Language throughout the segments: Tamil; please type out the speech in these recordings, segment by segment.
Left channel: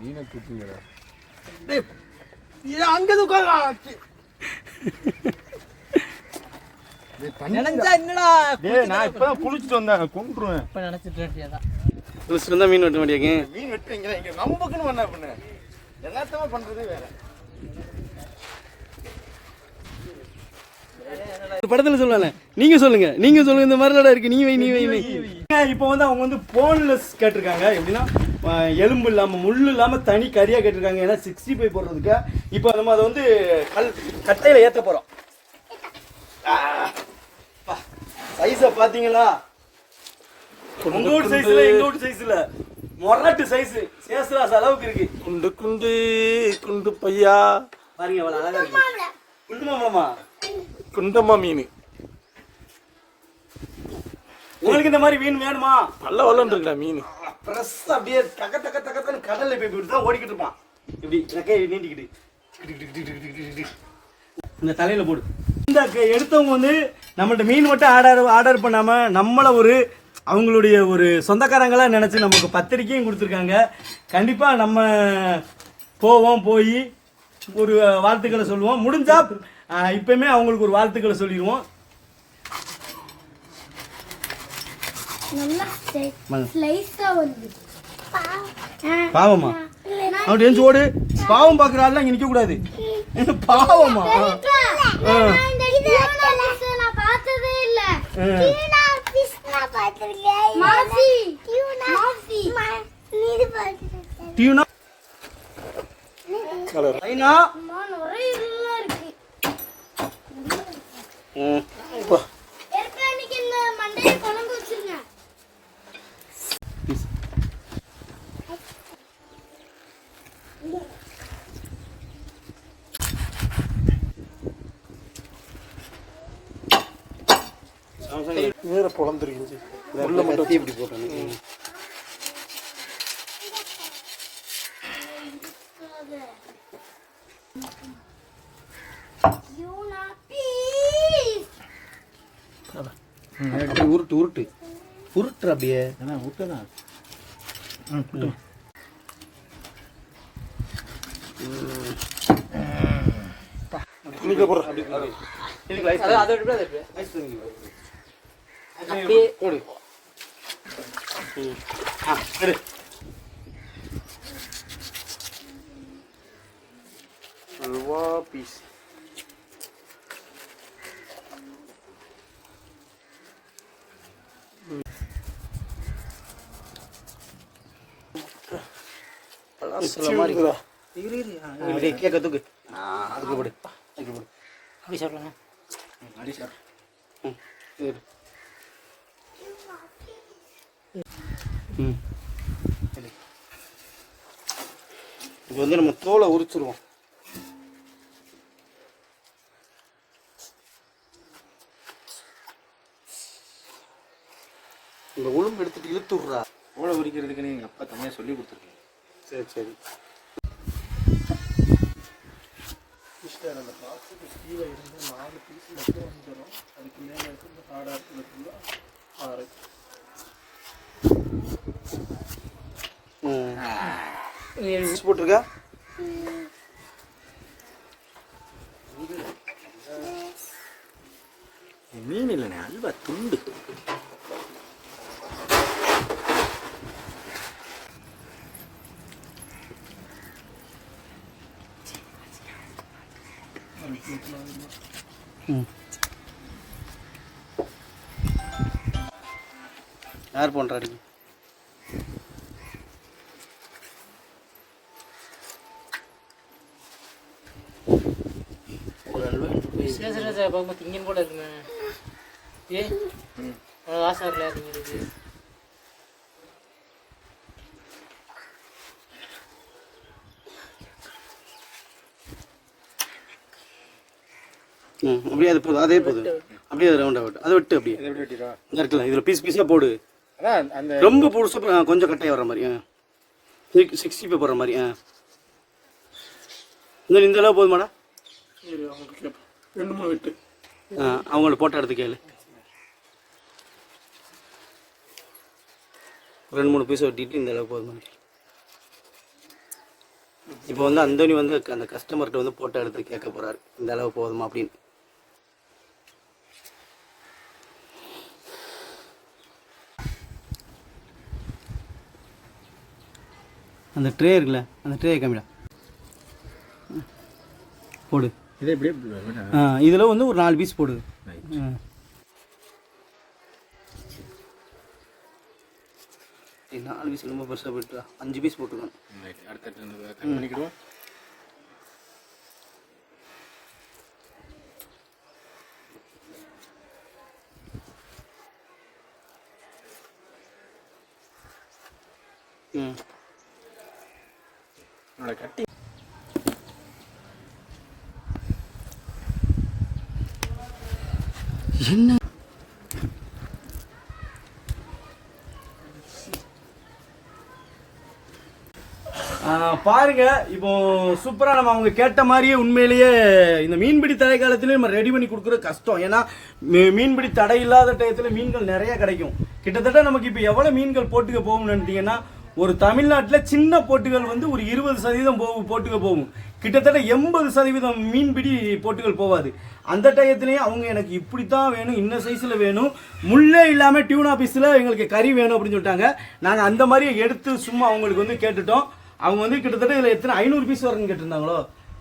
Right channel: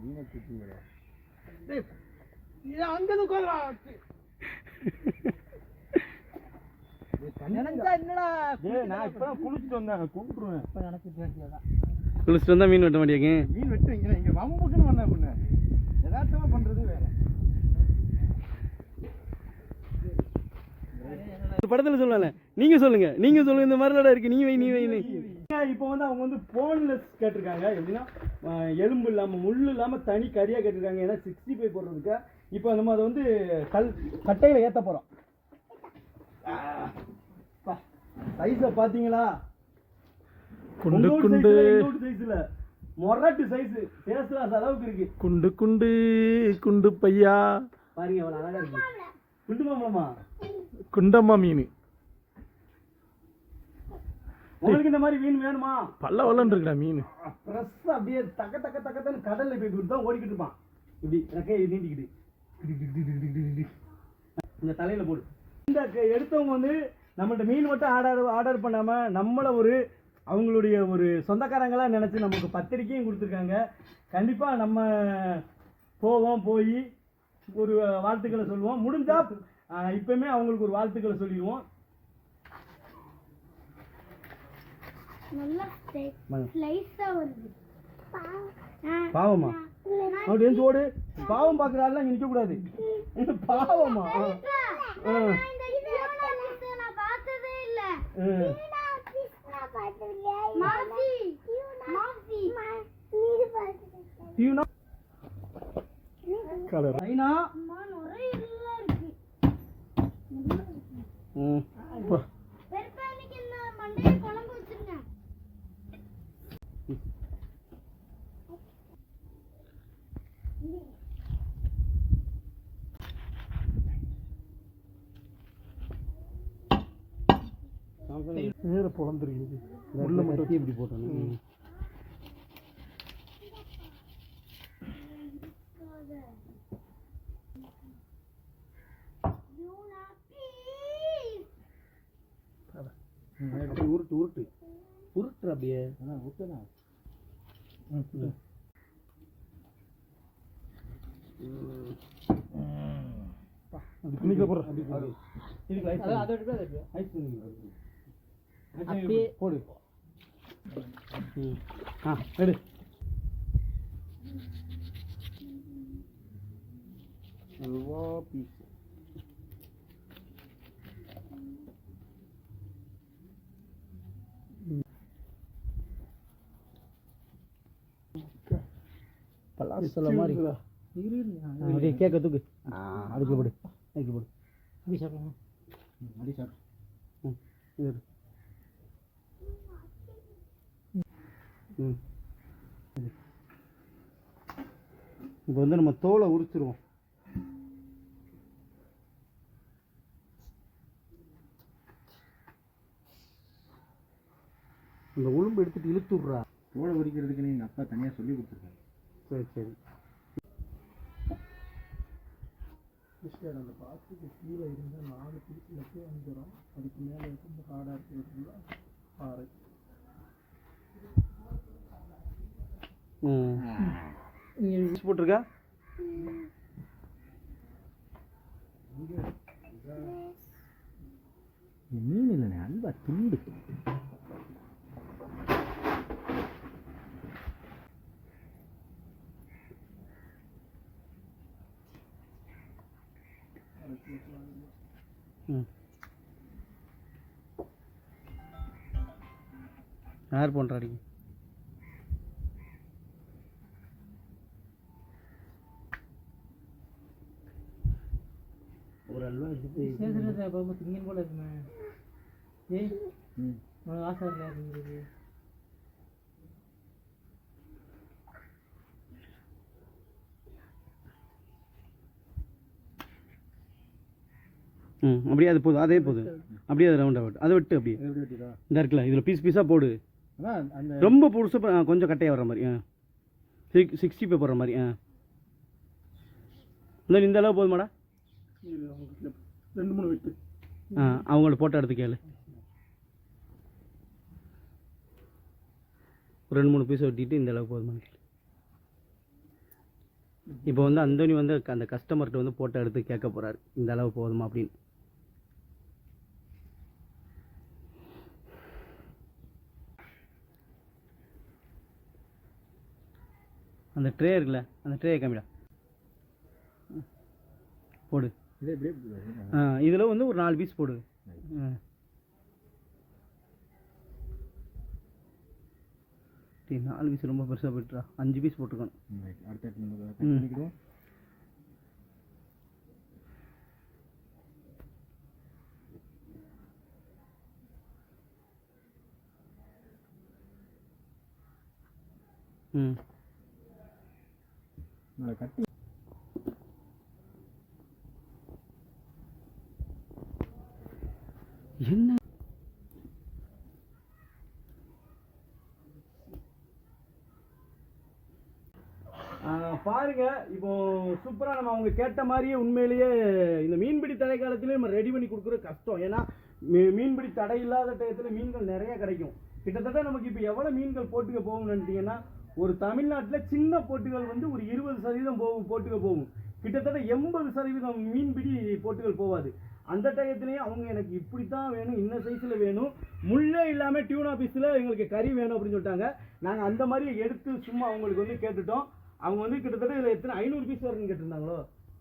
மீனை குத்துங்கடா. அங்கே உட்காரா. நினைச்சா என்னடா டேய் நான் இப்பதான் குளிச்சுட்டு வந்தால் மீன் வெட்ட மாட்டேங்க மீன் வெட்டுவீங்களா? இங்க நம்பக்குன்னு பண்ண பண்ணு. யதார்த்தமா பண்றதே வேற. படத்தில் சொல்லல நீங்க சொல்லுங்க நீங்க சொல்லுங்க இந்த மாதிரிலாம் இருக்கு நீ வை நீ வை நீ இப்போ வந்து அவங்க வந்து போன்லெஸ் கேட்டிருக்காங்க. எப்படின்னா எலும்பு இல்லாமல் முள் இல்லாமல் தனி கறியாக கேட்டிருக்காங்க. ஏன்னா சிக்ஸ்டி ஃபைவ் போடுறதுக்கு. இப்போ நம்ம அதை வந்து கல் கட்டையில் ஏற்ற போகிறோம் சைஸை பார்த்தீங்களா? உங்க வீட்டு சைஸ்ல எங்க வீட்டு சைஸ்ல மொரட்டு சைஸ் சேசுராஸ் அளவுக்கு இருக்கு. குண்டு குண்டு குண்டு பையா. பாருங்க அவ்வளவு அழகா இருக்கு. குண்டு மாம்பழமா குண்டம்மா மீன். உங்களுக்கு இந்த மாதிரி மீன் வேணுமா? பல்ல வல்லன் இருக்குடா மீன் பிரஸ் அப்படியே தக்க தக்க தக்கத்தன்னு கடல்ல போய் இப்படி தான் ஓடிக்கிட்டு இருப்பான். இப்படி ரெக்கையை நீட்டிக்கிட்டு இந்த தலையில போடு. இந்த எடுத்தவங்க வந்து நம்மள்ட்ட மீன் மட்டும் ஆர்டர் ஆர்டர் பண்ணாம நம்மள ஒரு அவங்களுடைய ஒரு சொந்தக்காரங்களா நினைச்சு நமக்கு பத்திரிக்கையும் கொடுத்துருக்காங்க. கண்டிப்பா நம்ம போவோம் போய் ஒரு வாழ்த்துக்களை சொல்லுவோம். முடிஞ்சா அஹ், இப்பயுமே அவங்களுக்கு ஒரு வாழ்த்துக்களை சொல்லிடுவோம் நல்லா வாங்க. ஸ்லைஸா வந்து பாவமா. அப்படி எழுந்து ஓடு பாவம் பார்க்குற ஆள்லாம் இங்கே நிற்கக்கூடாது பாவமா? ஆ. நான் பார்த்ததே இல்ல. ஆ. மாசி. மாசி. Tuna colour? ஐனா இருக்கு. ம். வேற பொழந்துருக்குச்சு உள்ள மட்டும் இப்படி போட்டேன் உருட்டு உருட்டு. உருட்டு. அப்படியே ஏன்னா விட்டுதான் துணிக்க போடுற இதுக்கு ஐஸ் அது அதை விட்டு அதை விட்டு ஐஸ் தண்ணி அப்படியே போடு ஆ எடு அல்வா பீஸ் பலாசல மாதிரி இருக்குதா? இரு இரு ஆ, அப்படியே கேட்க தூக்கு ஆ அதுக்கு போடு அதுக்கு போடு அப்படி சாப்பிடலாம் அடி சார் ம் இது எடு. ம் எடு. இப்போ வந்து நம்ம தோலை உரிச்சிருவோம். இந்த உளும்பு எடுத்துட்டு இழுத்து விட்றா மூளை உரிக்கிறதுக்கு நீங்க அப்பா தனியா சொல்லி கொடுத்துருக்கீங்க. சரி சரி. அந்த பாக்ஸுக்கு கீழே இருந்து நாலு பீஸ் மட்டும் வந்துடும் அதுக்கு மேலே இருக்கு இந்த ஆடா இருக்கிறதுக்குள்ள ஆறு. போட்டிருக்கா? மீன் இல்லைண்ணே அல்வா துண்டு. ம். யார் பண்ணுறாடி பார்க்கும்போது திங்கன் இருக்குமே. ஏ? உனக்கு ஆசை வரலையா திங்கிறது ம் அப்படியே அது போதும் அதே போதும். அப்படியே அது ரவுண்ட் அவுட் அதை விட்டு அப்படியே. இந்த இருக்குல்ல இதில் பீஸ் பீஸாக போடு. அந்த ரொம்ப பொருசு ஆ, கொஞ்சம் கட்டையாக வர மாதிரி ஆ. சிக்ஸ்டி ஃபைவ் போடுற மாதிரி ஆ. இந்த அளவு போதுமாடா? ரெண்டு மூணு வெட்டு. ஆ அவங்கள போட்டோ எடுத்து கேளு. ஒரு ரெண்டு மூணு பீஸ் வெட்டிட்டு இந்த அளவுக்கு போதுமா? இப்போ வந்து அந்தோனி வந்து அந்த கஸ்டமர்கிட்ட வந்து போட்டோ எடுத்து கேட்க போகிறாரு இந்த அளவு போதுமா அப்படின்னு. அந்த ட்ரே இருக்குல்ல அந்த ட்ரே கம்மிடா போடு. இதை இப்படியே இதில் வந்து ஒரு நாலு பீஸ் போடுது. ஏய், நாலு பீஸ் ரொம்ப பெருசாக போயிட்டுரா அஞ்சு பீஸ் பண்ணிக்கிடுவோம். ம். என்னோட கட்டி பாருங்க இப்போ சூப்பரா நம்ம அவங்க கேட்ட மாதிரியே உண்மையிலேயே இந்த மீன்பிடி தடை காலத்திலேயே நம்ம ரெடி பண்ணி கொடுக்குறது கஷ்டம். ஏன்னா மீ- மீன்பிடி தடை இல்லாத டயத்தில் மீன்கள் நிறைய கிடைக்கும். கிட்டத்தட்ட நமக்கு இப்போ எவ்வளோ மீன்கள் போட்டுக்க போகும்னு நினைட்டீங்கன்னா ஒரு தமிழ்நாட்டில் சின்ன போட்டுகள் வந்து ஒரு இருபது சதவீதம் போகும் போட்டுக்க போகும். கிட்டத்தட்ட எண்பது சதவீதம் மீன்பிடி போட்டுகள் போகாது அந்த டயத்துலேயும் அவங்க எனக்கு இப்படி தான் வேணும் இன்ன சைஸில் வேணும். முள்ளே இல்லாமல் டியூன் ஆஃபீஸில் எங்களுக்கு கறி வேணும் அப்படின்னு சொல்லிட்டாங்க. நாங்கள் அந்த மாதிரி எடுத்து சும்மா அவங்களுக்கு வந்து கேட்டுட்டோம். அவங்க வந்து கிட்டத்தட்ட இதில் எத்தனை ஐநூறு பீஸ் வரணும்னு கேட்டிருந்தாங்களோ?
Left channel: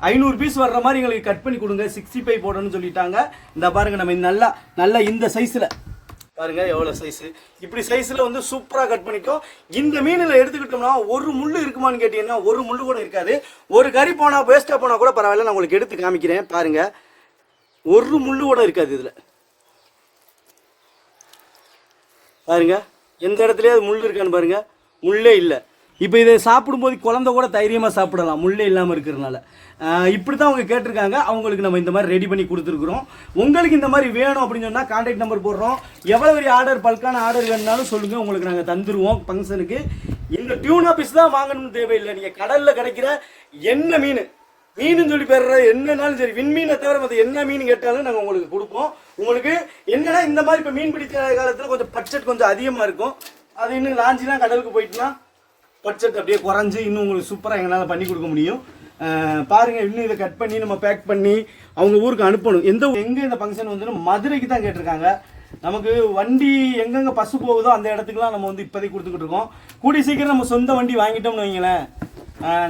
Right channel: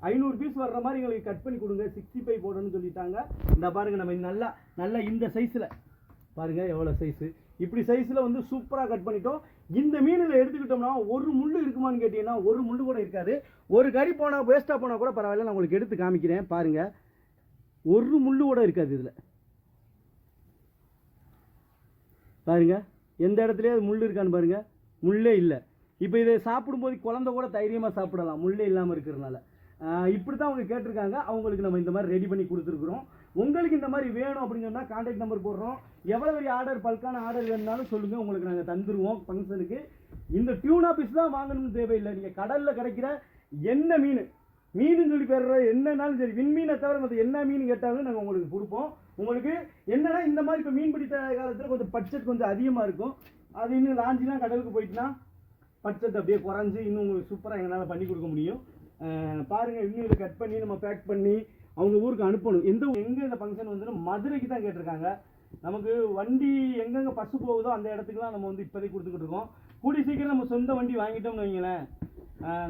ஐநூறு பீஸ் வர்ற மாதிரி எங்களுக்கு கட் பண்ணி கொடுங்க சிக்ஸ்டி ஃபைவ் போடணும்னு சொல்லிட்டாங்க. இந்த பாருங்கள் நம்ம நல்லா நல்லா இந்த சைஸில் பாருங்கள் எவ்வளோ சைஸு இப்படி சைஸில் வந்து சூப்பராக கட் பண்ணிக்கும் இந்த மீனில் எடுத்துக்கிட்டோம்னா ஒரு முள் இருக்குமான்னு கேட்டிங்கன்னா ஒரு முள் கூட இருக்காது. ஒரு கறி போனால் வேஸ்ட்டாக போனால் கூட பரவாயில்ல நான் உங்களுக்கு எடுத்து காமிக்கிறேன். பாருங்கள் ஒரு முள்ளு கூட இருக்காது இதில். பாருங்க. எந்த இடத்துலையாவது முள் இருக்கான்னு பாருங்கள் முள்ளே இல்லை. இப்போ இதை சாப்பிடும்போது குழந்தை கூட தைரியமாக சாப்பிடலாம். முள்ளே இல்லாமல் இருக்கிறதுனால. இப்படி தான் அவங்க கேட்டிருக்காங்க. அவங்களுக்கு நம்ம இந்த மாதிரி ரெடி பண்ணி கொடுத்துருக்குறோம். உங்களுக்கு இந்த மாதிரி வேணும் அப்படின்னு சொன்னால் கான்டாக்ட் நம்பர் போடுறோம். எவ்வளோ பெரிய ஆர்டர் பல்கான ஆர்டர் வேணுனாலும் சொல்லுங்கள் உங்களுக்கு நாங்கள் தந்துருவோம் ஃபங்க்ஷனுக்கு இந்த டியூனா பீஸ் தான் வாங்கணும்னு தேவையில்லை. நீங்கள் கடலில் கிடைக்கிற என்ன மீன்? மீன் சொல்லி பெற என்னன்னாலும் சரி விண்மீனை தவிர மற்ற என்ன மீன் கேட்டாலும் நாங்கள் உங்களுக்கு கொடுப்போம். உங்களுக்கு என்னன்னா இந்த மாதிரி இப்போ மீன் பிடிக்கிற காலத்தில் கொஞ்சம் பட்ஜெட் கொஞ்சம் அதிகமாக இருக்கும். அது இன்னும் லாஞ்சிலாம் கடலுக்கு போயிட்டுனா பட்ஜெட் அப்படியே குறைஞ்சி இன்னும் உங்களுக்கு சூப்பராக எங்களால் பண்ணி கொடுக்க முடியும். பாருங்கள் இன்னும் இதை கட் பண்ணி நம்ம பேக் பண்ணி அவங்க ஊருக்கு அனுப்பணும். எந்த எங்கே இந்த ஃபங்க்ஷன் வந்து மதுரைக்கு தான் கேட்டிருக்காங்க. நமக்கு வண்டி எங்கெங்கே பசு போகுதோ அந்த இடத்துக்குலாம் நம்ம வந்து இப்போதைக்கு கொடுத்துக்கிட்டு இருக்கோம். கூடி சீக்கிரம் நம்ம சொந்த வண்டி வாங்கிட்டோம்னு வைங்களேன்.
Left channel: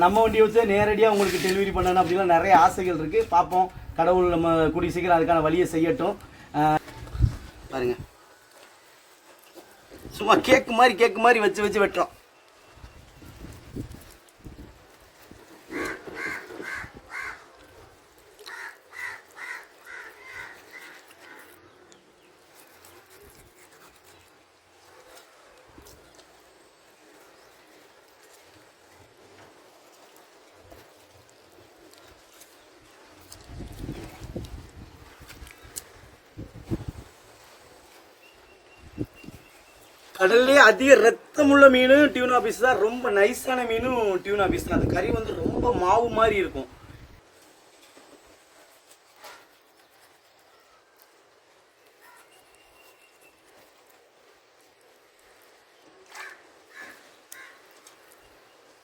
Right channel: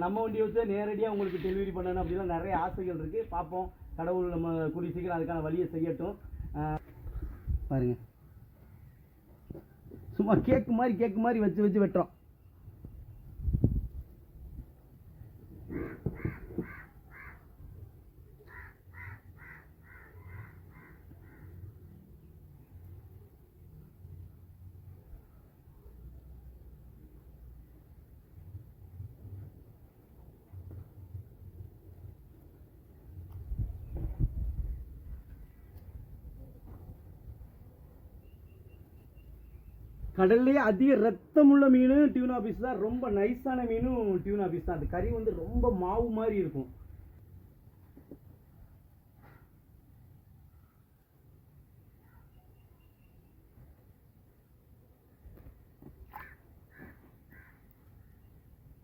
நம்ம வண்டியை வச்சு நேரடியாக உங்களுக்கு டெலிவரி பண்ணணும் அப்படிலாம் நிறைய ஆசைகள் இருக்குது பார்ப்போம். கடவுள் நம்ம கூடிய சீக்கிரம் அதுக்கான வழியை செய்யட்டும். பாருங்கள் பாருங்க. சும்மா கேக்கு மாதிரி கேக்கு மாதிரி வச்சு வச்சு வெட்டுறோம். கடல்லே அதிக ரத்தமுள்ள மீனும் டியூனா பீஸ் தான். ரொம்ப நைஸான மீனும் டியூனா பீஸ் தான். அந்த கறி வந்து ரொம்ப மாவு மாதிரி இருக்கும்.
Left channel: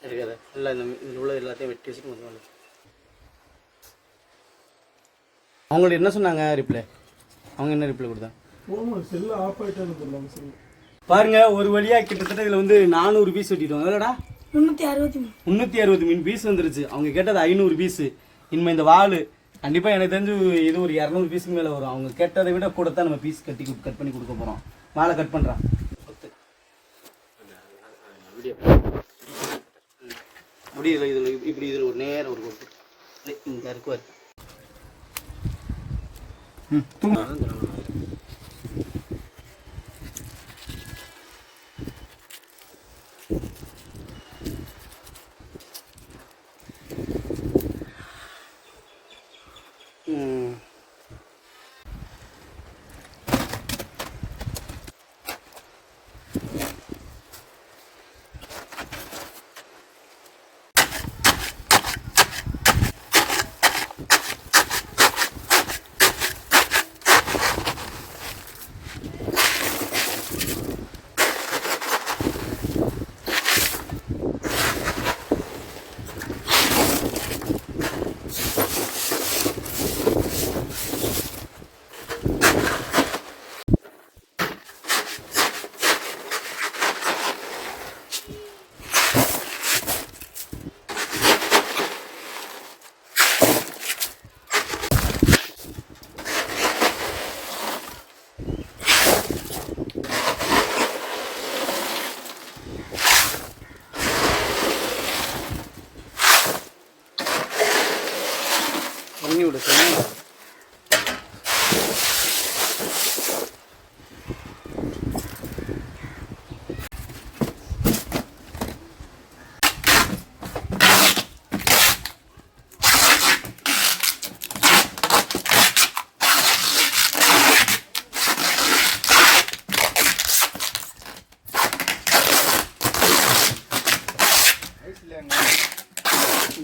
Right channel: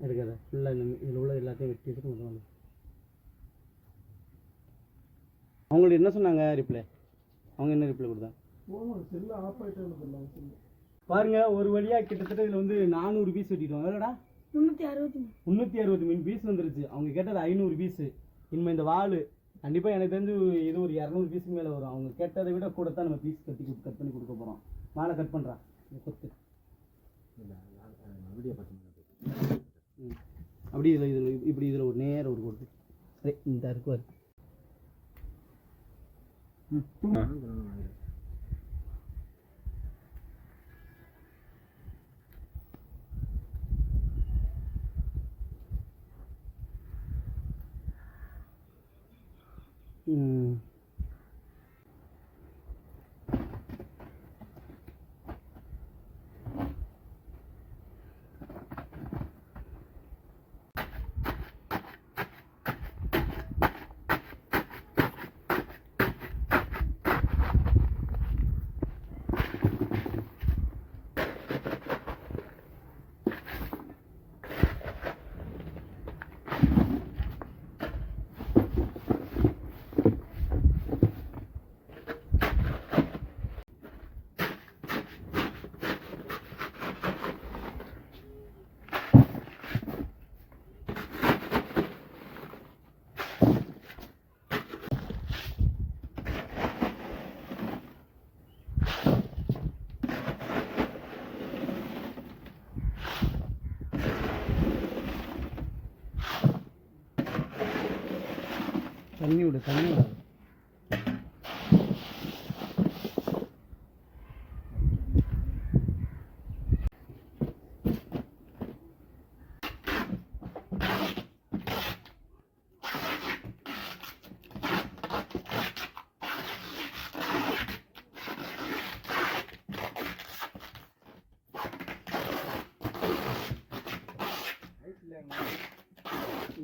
இருக்காது இல்லை இந்த இதில் உள்ள எல்லாத்தையும் வெட்டி வச்சுட்டு மொத்தமாக அவங்கள்ட்ட என்ன சொன்னாங்க ரிப்ளை அவங்க என்ன ரிப்ளை கொடுத்தாங்க செல்லு ஆஃப் ஆயிட்டான்னு சொல்லாம சொல்லு பாருங்க ஒரு வழியா கிட்டத்தட்ட இதுல வந்து நானூறு பீஸ் வெட்டிட்டோம். எவ்வளோடா? முன்னூத்தி அறுபத்தி மூணு முந்நூற்றி அறுபது மீன் பீஸ் வந்துருச்சு. அவங்க கேட்டது ஐநூறு பீஸ் இனிமே இந்த வாள் கண்டிப்பாக எனக்கு தெரிஞ்சு இது ஒரு இரநூறு பீஸுக்கு மேலே வரும். அவங்க கேட்டதை விட கூட தான் நம்ம பீஸ் கட்டி கட் பண்ணி கொடுக்க போகிறோம் வாழை கட் பண்ணுறான் சொத்து. அப்படி இதில் இதில் இப்படி இதில் ஒரு நேரம் ஒரு கொடுத்து. இந்த இருக்குவார் ம் தூங்க. ம்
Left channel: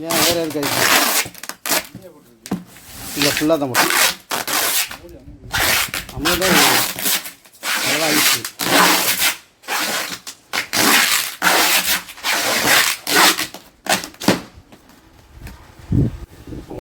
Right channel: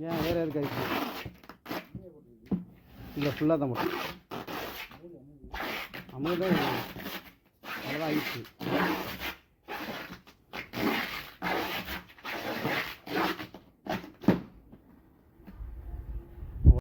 ஏன் வேறு இருக்காது இல்லை ஃபுல்லாக தான் போட்டு அமௌண்ட் தான் அவ்வளோதான் ஆயிடுச்சு